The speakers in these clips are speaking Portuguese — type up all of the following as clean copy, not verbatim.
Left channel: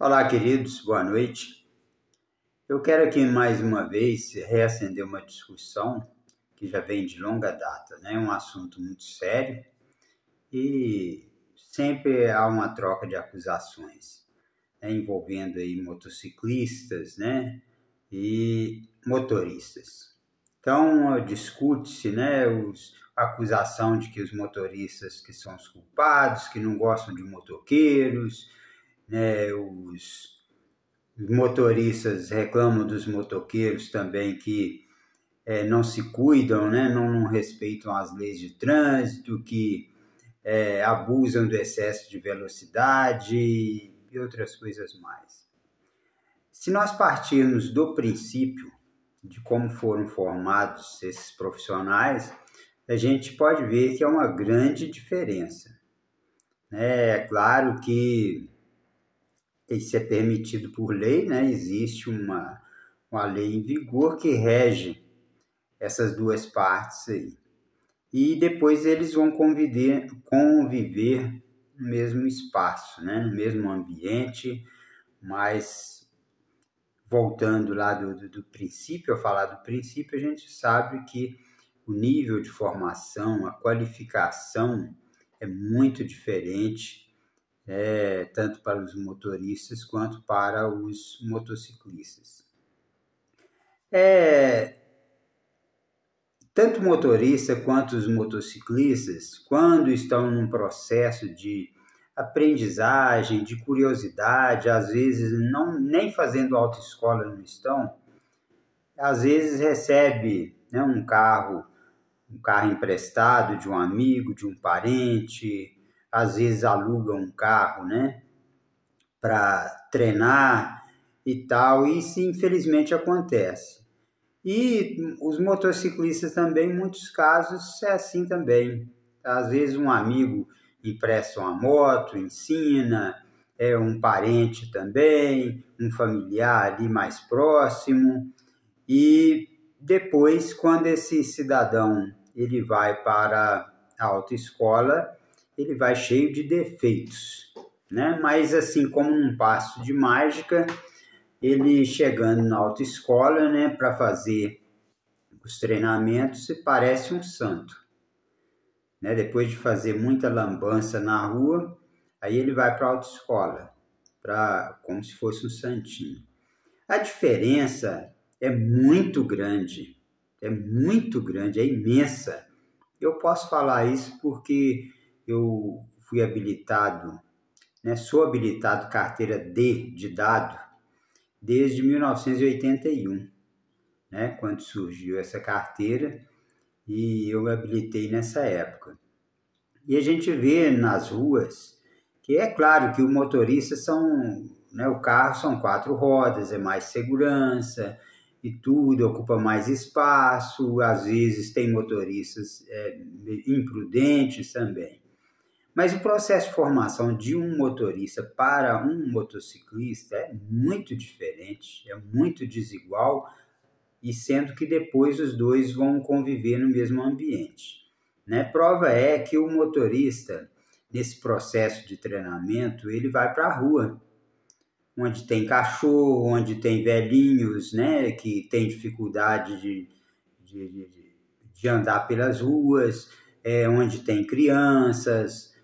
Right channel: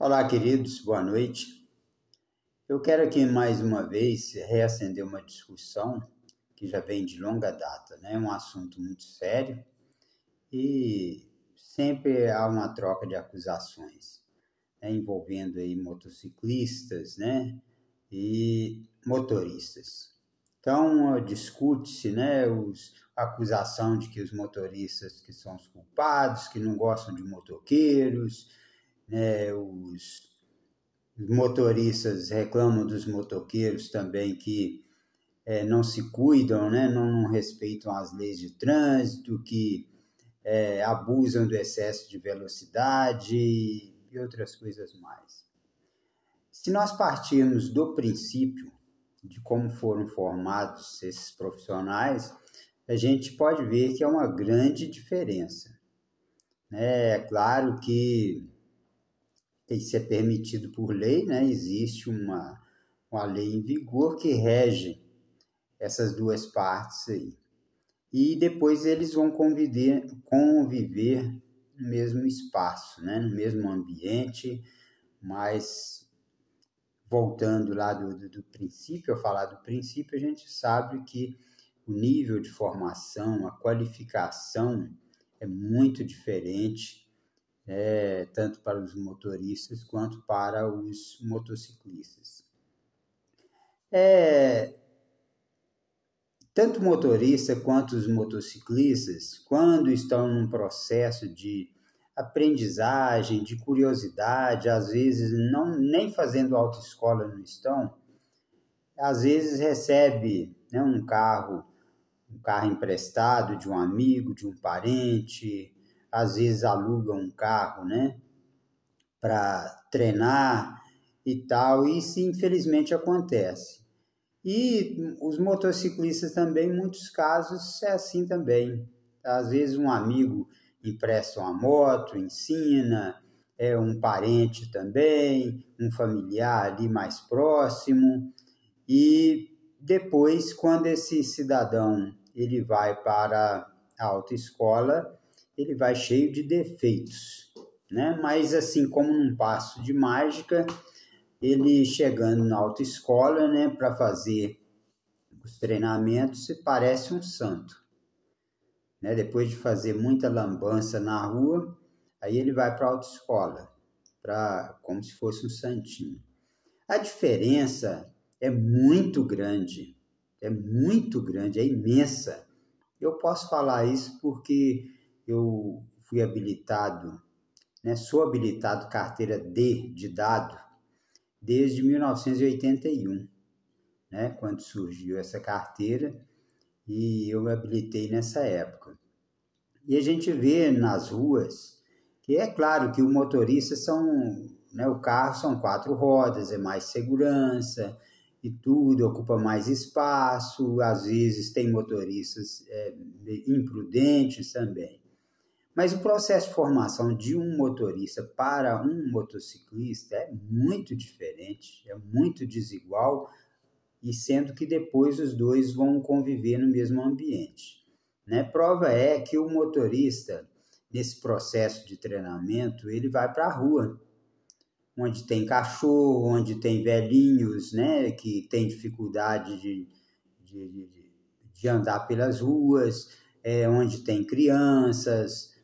Olá, queridos, boa noite. Eu quero aqui mais uma vez reacender uma discussão que já vem de longa data, né? Um assunto muito sério e sempre há uma troca de acusações, né? Envolvendo aí motociclistas, né? E motoristas. Então, discute-se, né? A acusação de que os motoristas que são os culpados, que não gostam de motoqueiros, né? Os motoristas reclamam dos motoqueiros também que não se cuidam, né? Não respeitam as leis de trânsito, que abusam do excesso de velocidade e outras coisas mais. Se nós partirmos do princípio de como foram formados esses profissionais, a gente pode ver que há uma grande diferença, né? É claro que isso é permitido por lei, né? Existe uma lei em vigor que rege essas duas partes aí. E depois eles vão conviver no mesmo espaço, né? No mesmo ambiente, mas voltando lá do princípio, ao falar do princípio, a gente sabe que o nível de formação, a qualificação é muito diferente, tanto para os motoristas quanto para os motociclistas. Tanto o motorista quanto os motociclistas, quando estão num processo de aprendizagem, de curiosidade, às vezes nem fazendo autoescola não estão, às vezes recebe, né, um carro emprestado de um amigo, de um parente, às vezes aluga um carro, né, para treinar e tal, e isso infelizmente acontece. E os motociclistas também, em muitos casos, é assim também. Às vezes um amigo empresta uma moto, ensina, um parente também, um familiar ali mais próximo, e depois, quando esse cidadão ele vai para a autoescola, ele vai cheio de defeitos, né? Mas assim como num passo de mágica, ele chegando na autoescola, né, para fazer os treinamentos, se parece um santo, né? Depois de fazer muita lambança na rua, aí ele vai para a autoescola, como se fosse um santinho. A diferença é muito grande, é imensa. Eu posso falar isso porque eu fui habilitado, né, sou habilitado carteira D de dado desde 1981, né, quando surgiu essa carteira, e eu me habilitei nessa época. E a gente vê nas ruas que é claro que o motorista o carro são 4 rodas, é mais segurança e tudo, ocupa mais espaço, às vezes tem motoristas imprudentes também. Mas o processo de formação de um motorista para um motociclista é muito diferente, é muito desigual, e sendo que depois os dois vão conviver no mesmo ambiente, né? Prova é que o motorista, nesse processo de treinamento, ele vai para a rua, onde tem cachorro, onde tem velhinhos, né, que tem dificuldade de andar pelas ruas, onde tem crianças,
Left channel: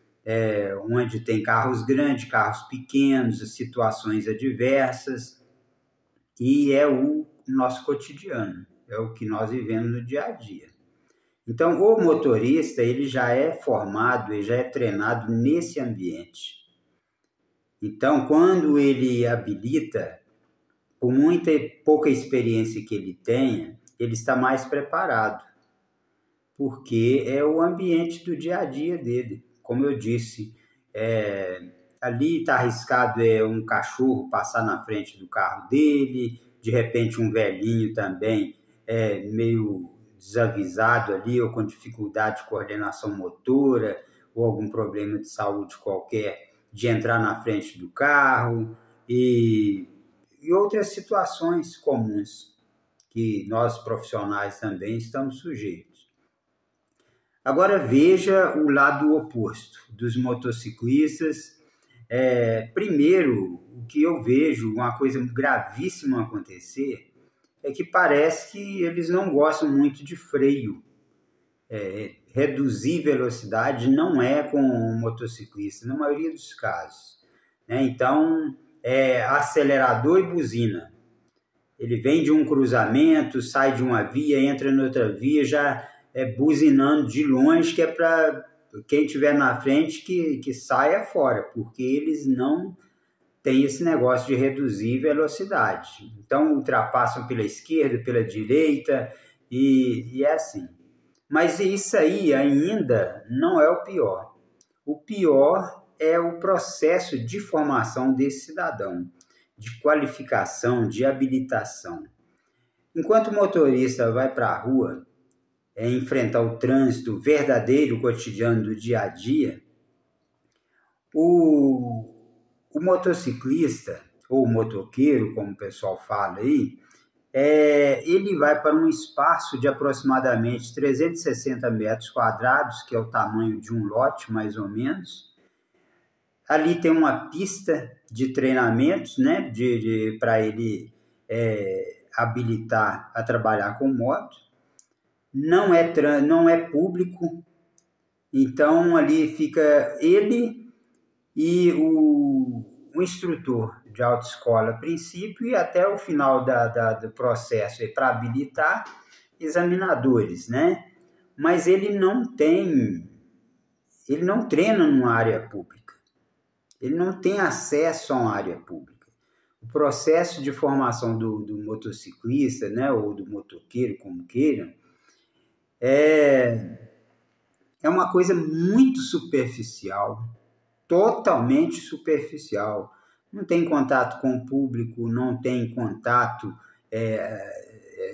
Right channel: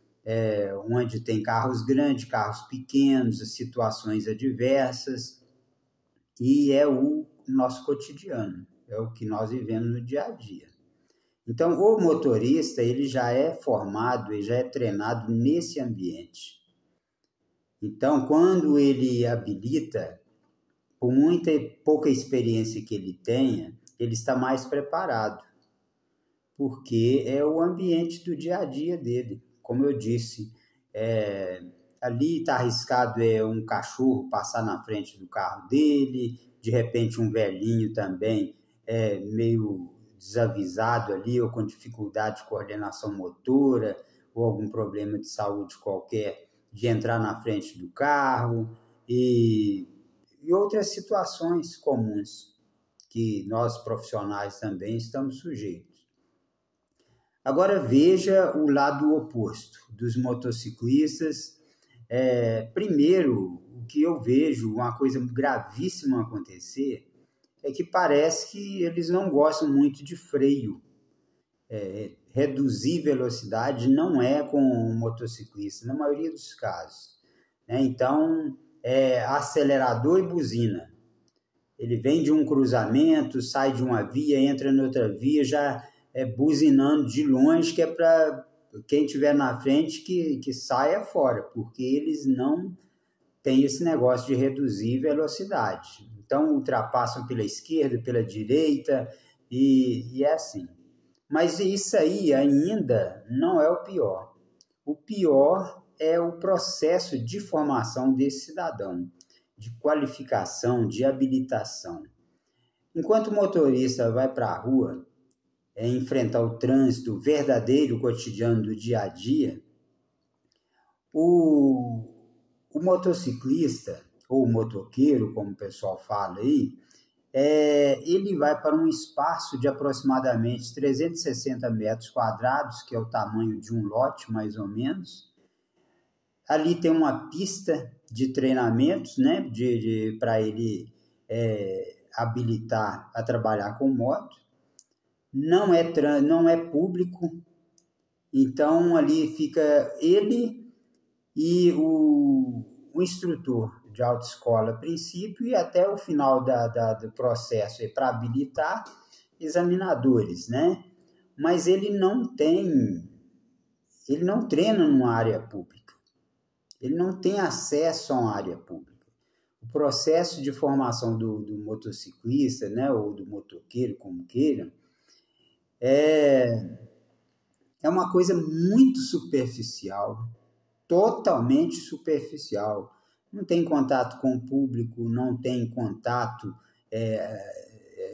onde tem carros grandes, carros pequenos, situações adversas, e é o nosso cotidiano, é o que nós vivemos no dia a dia. Então, o motorista, ele já é formado, ele já é treinado nesse ambiente. Então, quando ele habilita, por muita pouca experiência que ele tenha, ele está mais preparado, porque é o ambiente do dia a dia dele. Como eu disse, ali está arriscado um cachorro passar na frente do carro dele, de repente um velhinho também meio desavisado ali, ou com dificuldade de coordenação motora, ou algum problema de saúde qualquer, de entrar na frente do carro, e outras situações comuns que nós profissionais também estamos sujeitos. Agora veja o lado oposto dos motociclistas, Primeiro, o que eu vejo, uma coisa gravíssima acontecer, é que parece que eles não gostam muito de freio. Reduzir velocidade não é com o motociclista, na maioria dos casos. Então, acelerador e buzina. Ele vem de um cruzamento, sai de uma via, entra em outra via, já buzinando de longe, que é para quem estiver na frente que saia fora, porque eles não têm esse negócio de reduzir velocidade. Então, ultrapassam pela esquerda, pela direita, e é assim. Mas isso aí ainda não é o pior. O pior é o processo de formação desse cidadão, de qualificação, de habilitação. Enquanto o motorista vai para a rua enfrentar o trânsito verdadeiro, cotidiano do dia a dia, o motociclista, ou motoqueiro, como o pessoal fala aí, ele vai para um espaço de aproximadamente 360 metros quadrados, que é o tamanho de um lote, mais ou menos. Ali tem uma pista de treinamentos, né, para ele habilitar a trabalhar com moto. Não é público, então ali fica ele e o instrutor de autoescola a princípio e até o final do processo para habilitar examinadores, né? Mas ele não treina numa área pública. Ele não tem acesso a uma área pública. O processo de formação do motociclista, né, ou do motoqueiro, como queiram, é uma coisa muito superficial, totalmente superficial. Não tem contato com o público, não tem contato,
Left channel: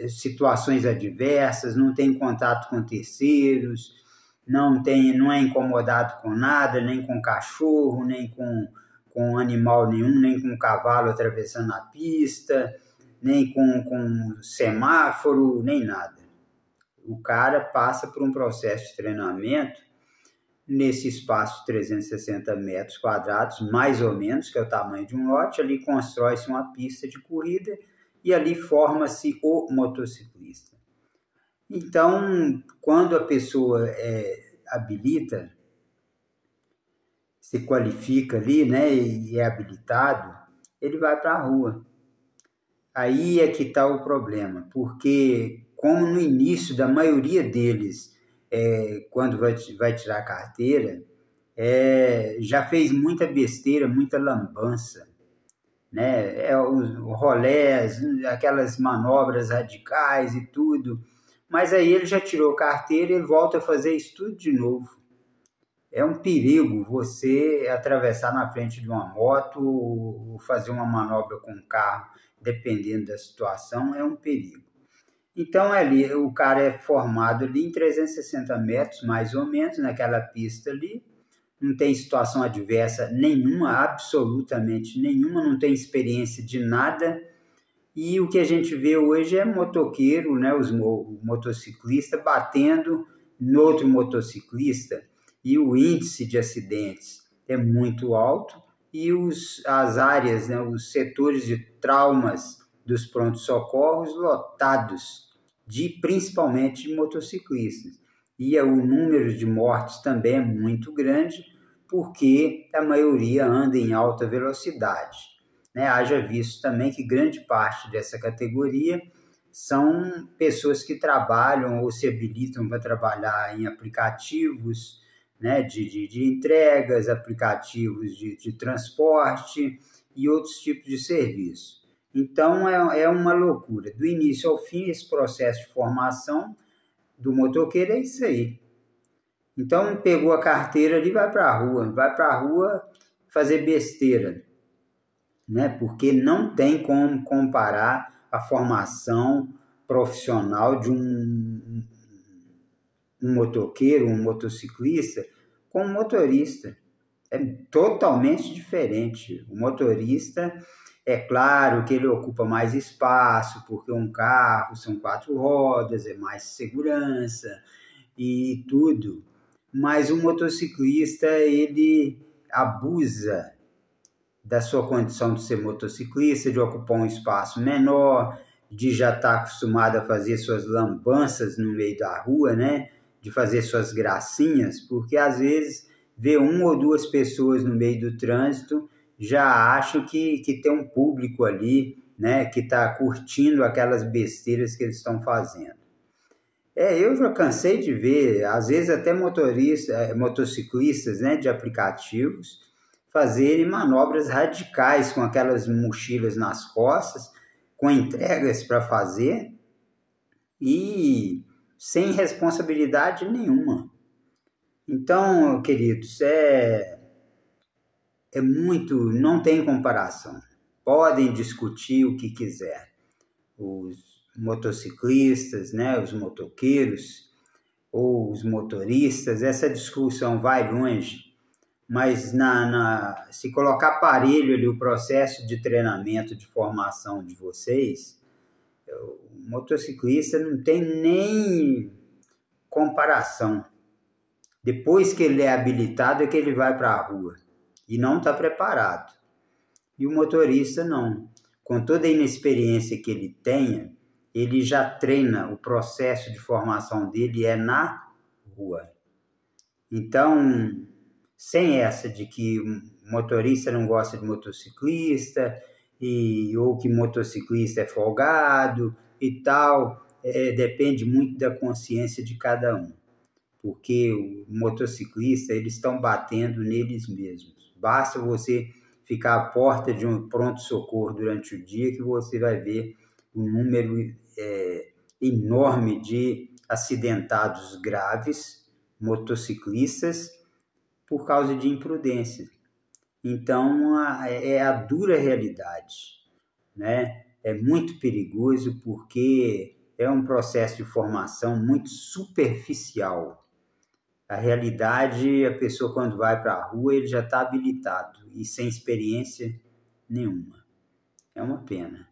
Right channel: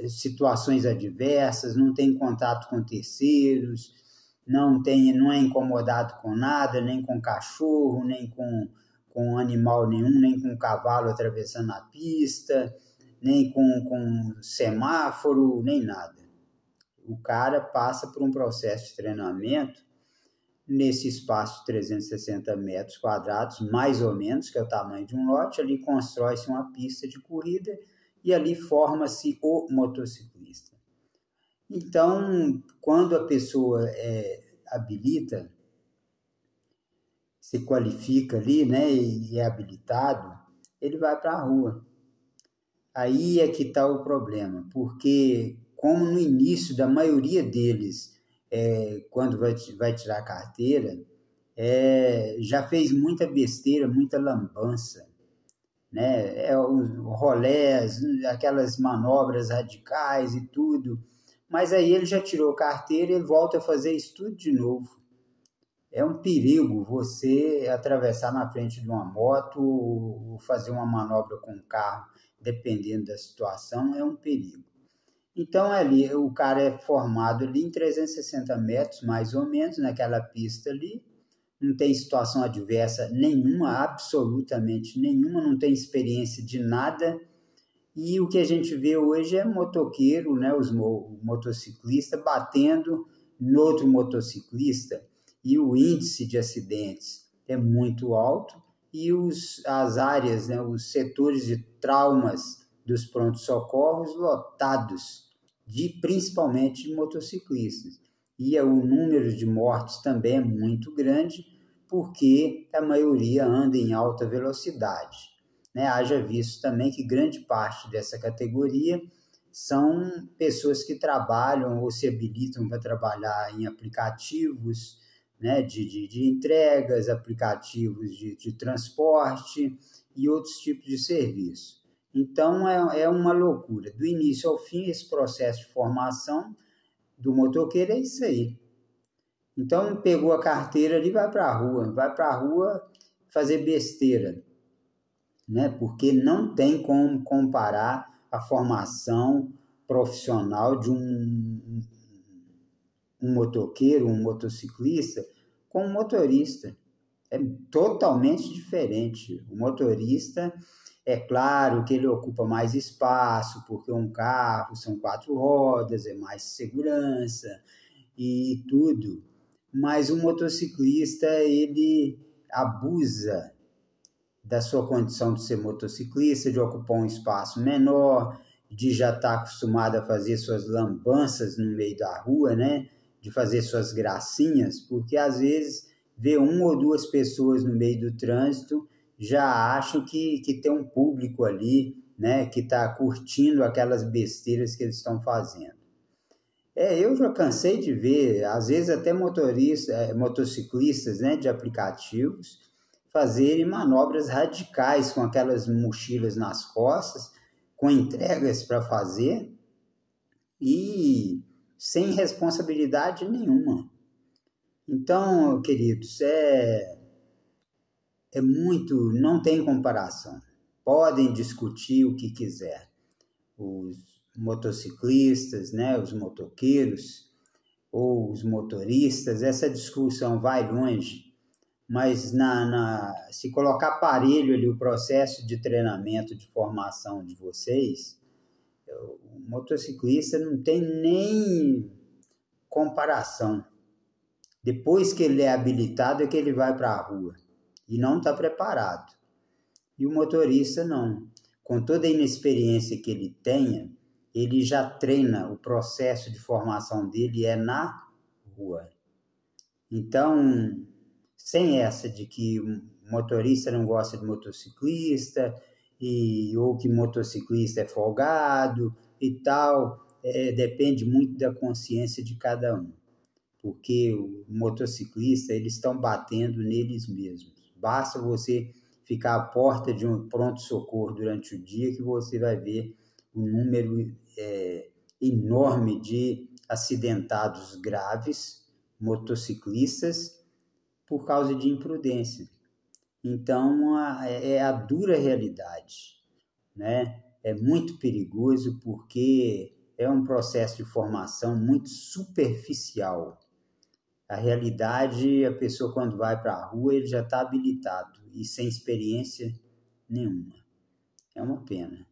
situações adversas, não tem contato com terceiros, não é incomodado com nada, nem com cachorro, nem com animal nenhum, nem com cavalo atravessando a pista, nem com semáforo, nem nada. O cara passa por um processo de treinamento nesse espaço de 360 metros quadrados, mais ou menos, que é o tamanho de um lote. Ali constrói-se uma pista de corrida e ali forma-se o motociclista. Então, quando a pessoa habilita, se qualifica ali, né, e é habilitado, ele vai para a rua. Aí é que está o problema, porque como no início da maioria deles, quando vai tirar a carteira, já fez muita besteira, muita lambança, né? Os rolés, aquelas manobras radicais e tudo, mas aí ele já tirou carteira e volta a fazer isso tudo de novo. É um perigo você atravessar na frente de uma moto ou fazer uma manobra com um carro, dependendo da situação, é um perigo. Então, ali, o cara é formado ali em 360 metros, mais ou menos, naquela pista ali, não tem situação adversa nenhuma, absolutamente nenhuma, não tem experiência de nada. E o que a gente vê hoje é motoqueiro, né, o motociclista batendo no outro motociclista, e o índice de acidentes é muito alto, e as áreas, né, os setores de traumas dos prontos-socorros lotados, principalmente de motociclistas. E o número de mortes também é muito grande, porque a maioria anda em alta velocidade. Né? Haja visto também que grande parte dessa categoria são pessoas que trabalham ou se habilitam para trabalhar em aplicativos, né, de entregas, aplicativos de transporte e outros tipos de serviço. Então, é uma loucura. Do início ao fim, esse processo de formação do motoqueiro é isso aí. Então, pegou a carteira ali, vai para a rua fazer besteira, né? Porque não tem como comparar a formação profissional de um motoqueiro, um motociclista, com um motorista. É totalmente diferente. O motorista, é claro que ele ocupa mais espaço, porque um carro são 4 rodas, é mais segurança e tudo. Mas o motociclista, ele abusa da sua condição de ser motociclista, de ocupar um espaço menor, de já estar acostumado a fazer suas lambanças no meio da rua, né? De fazer suas gracinhas, porque às vezes ver uma ou duas pessoas no meio do trânsito já acho que tem um público ali, né? Que está curtindo aquelas besteiras que eles estão fazendo. Eu já cansei de ver, às vezes até motociclistas, né, de aplicativos, fazerem manobras radicais com aquelas mochilas nas costas, com entregas para fazer e sem responsabilidade nenhuma. Então, queridos, não tem comparação. Podem discutir o que quiser. Os motociclistas, né, os motoqueiros ou os motoristas, essa discussão vai longe, mas se colocar aparelho ali o processo de treinamento, de formação de vocês, o motociclista não tem nem comparação. Depois que ele é habilitado é que ele vai para a rua e não está preparado. E o motorista não. Com toda a inexperiência que ele tenha, ele já treina, o processo de formação dele é na rua. Então, sem essa de que o motorista não gosta de motociclista, ou que motociclista é folgado e tal, depende muito da consciência de cada um. Porque o motociclista, eles estão batendo neles mesmos. Basta você ficar à porta de um pronto-socorro durante o dia que você vai ver um número enorme de acidentados graves, motociclistas, por causa de imprudência. Então, é a dura realidade, né? É muito perigoso porque é um processo de formação muito superficial. A realidade, a pessoa quando vai para a rua, ele já está habilitado e sem experiência nenhuma. É uma pena.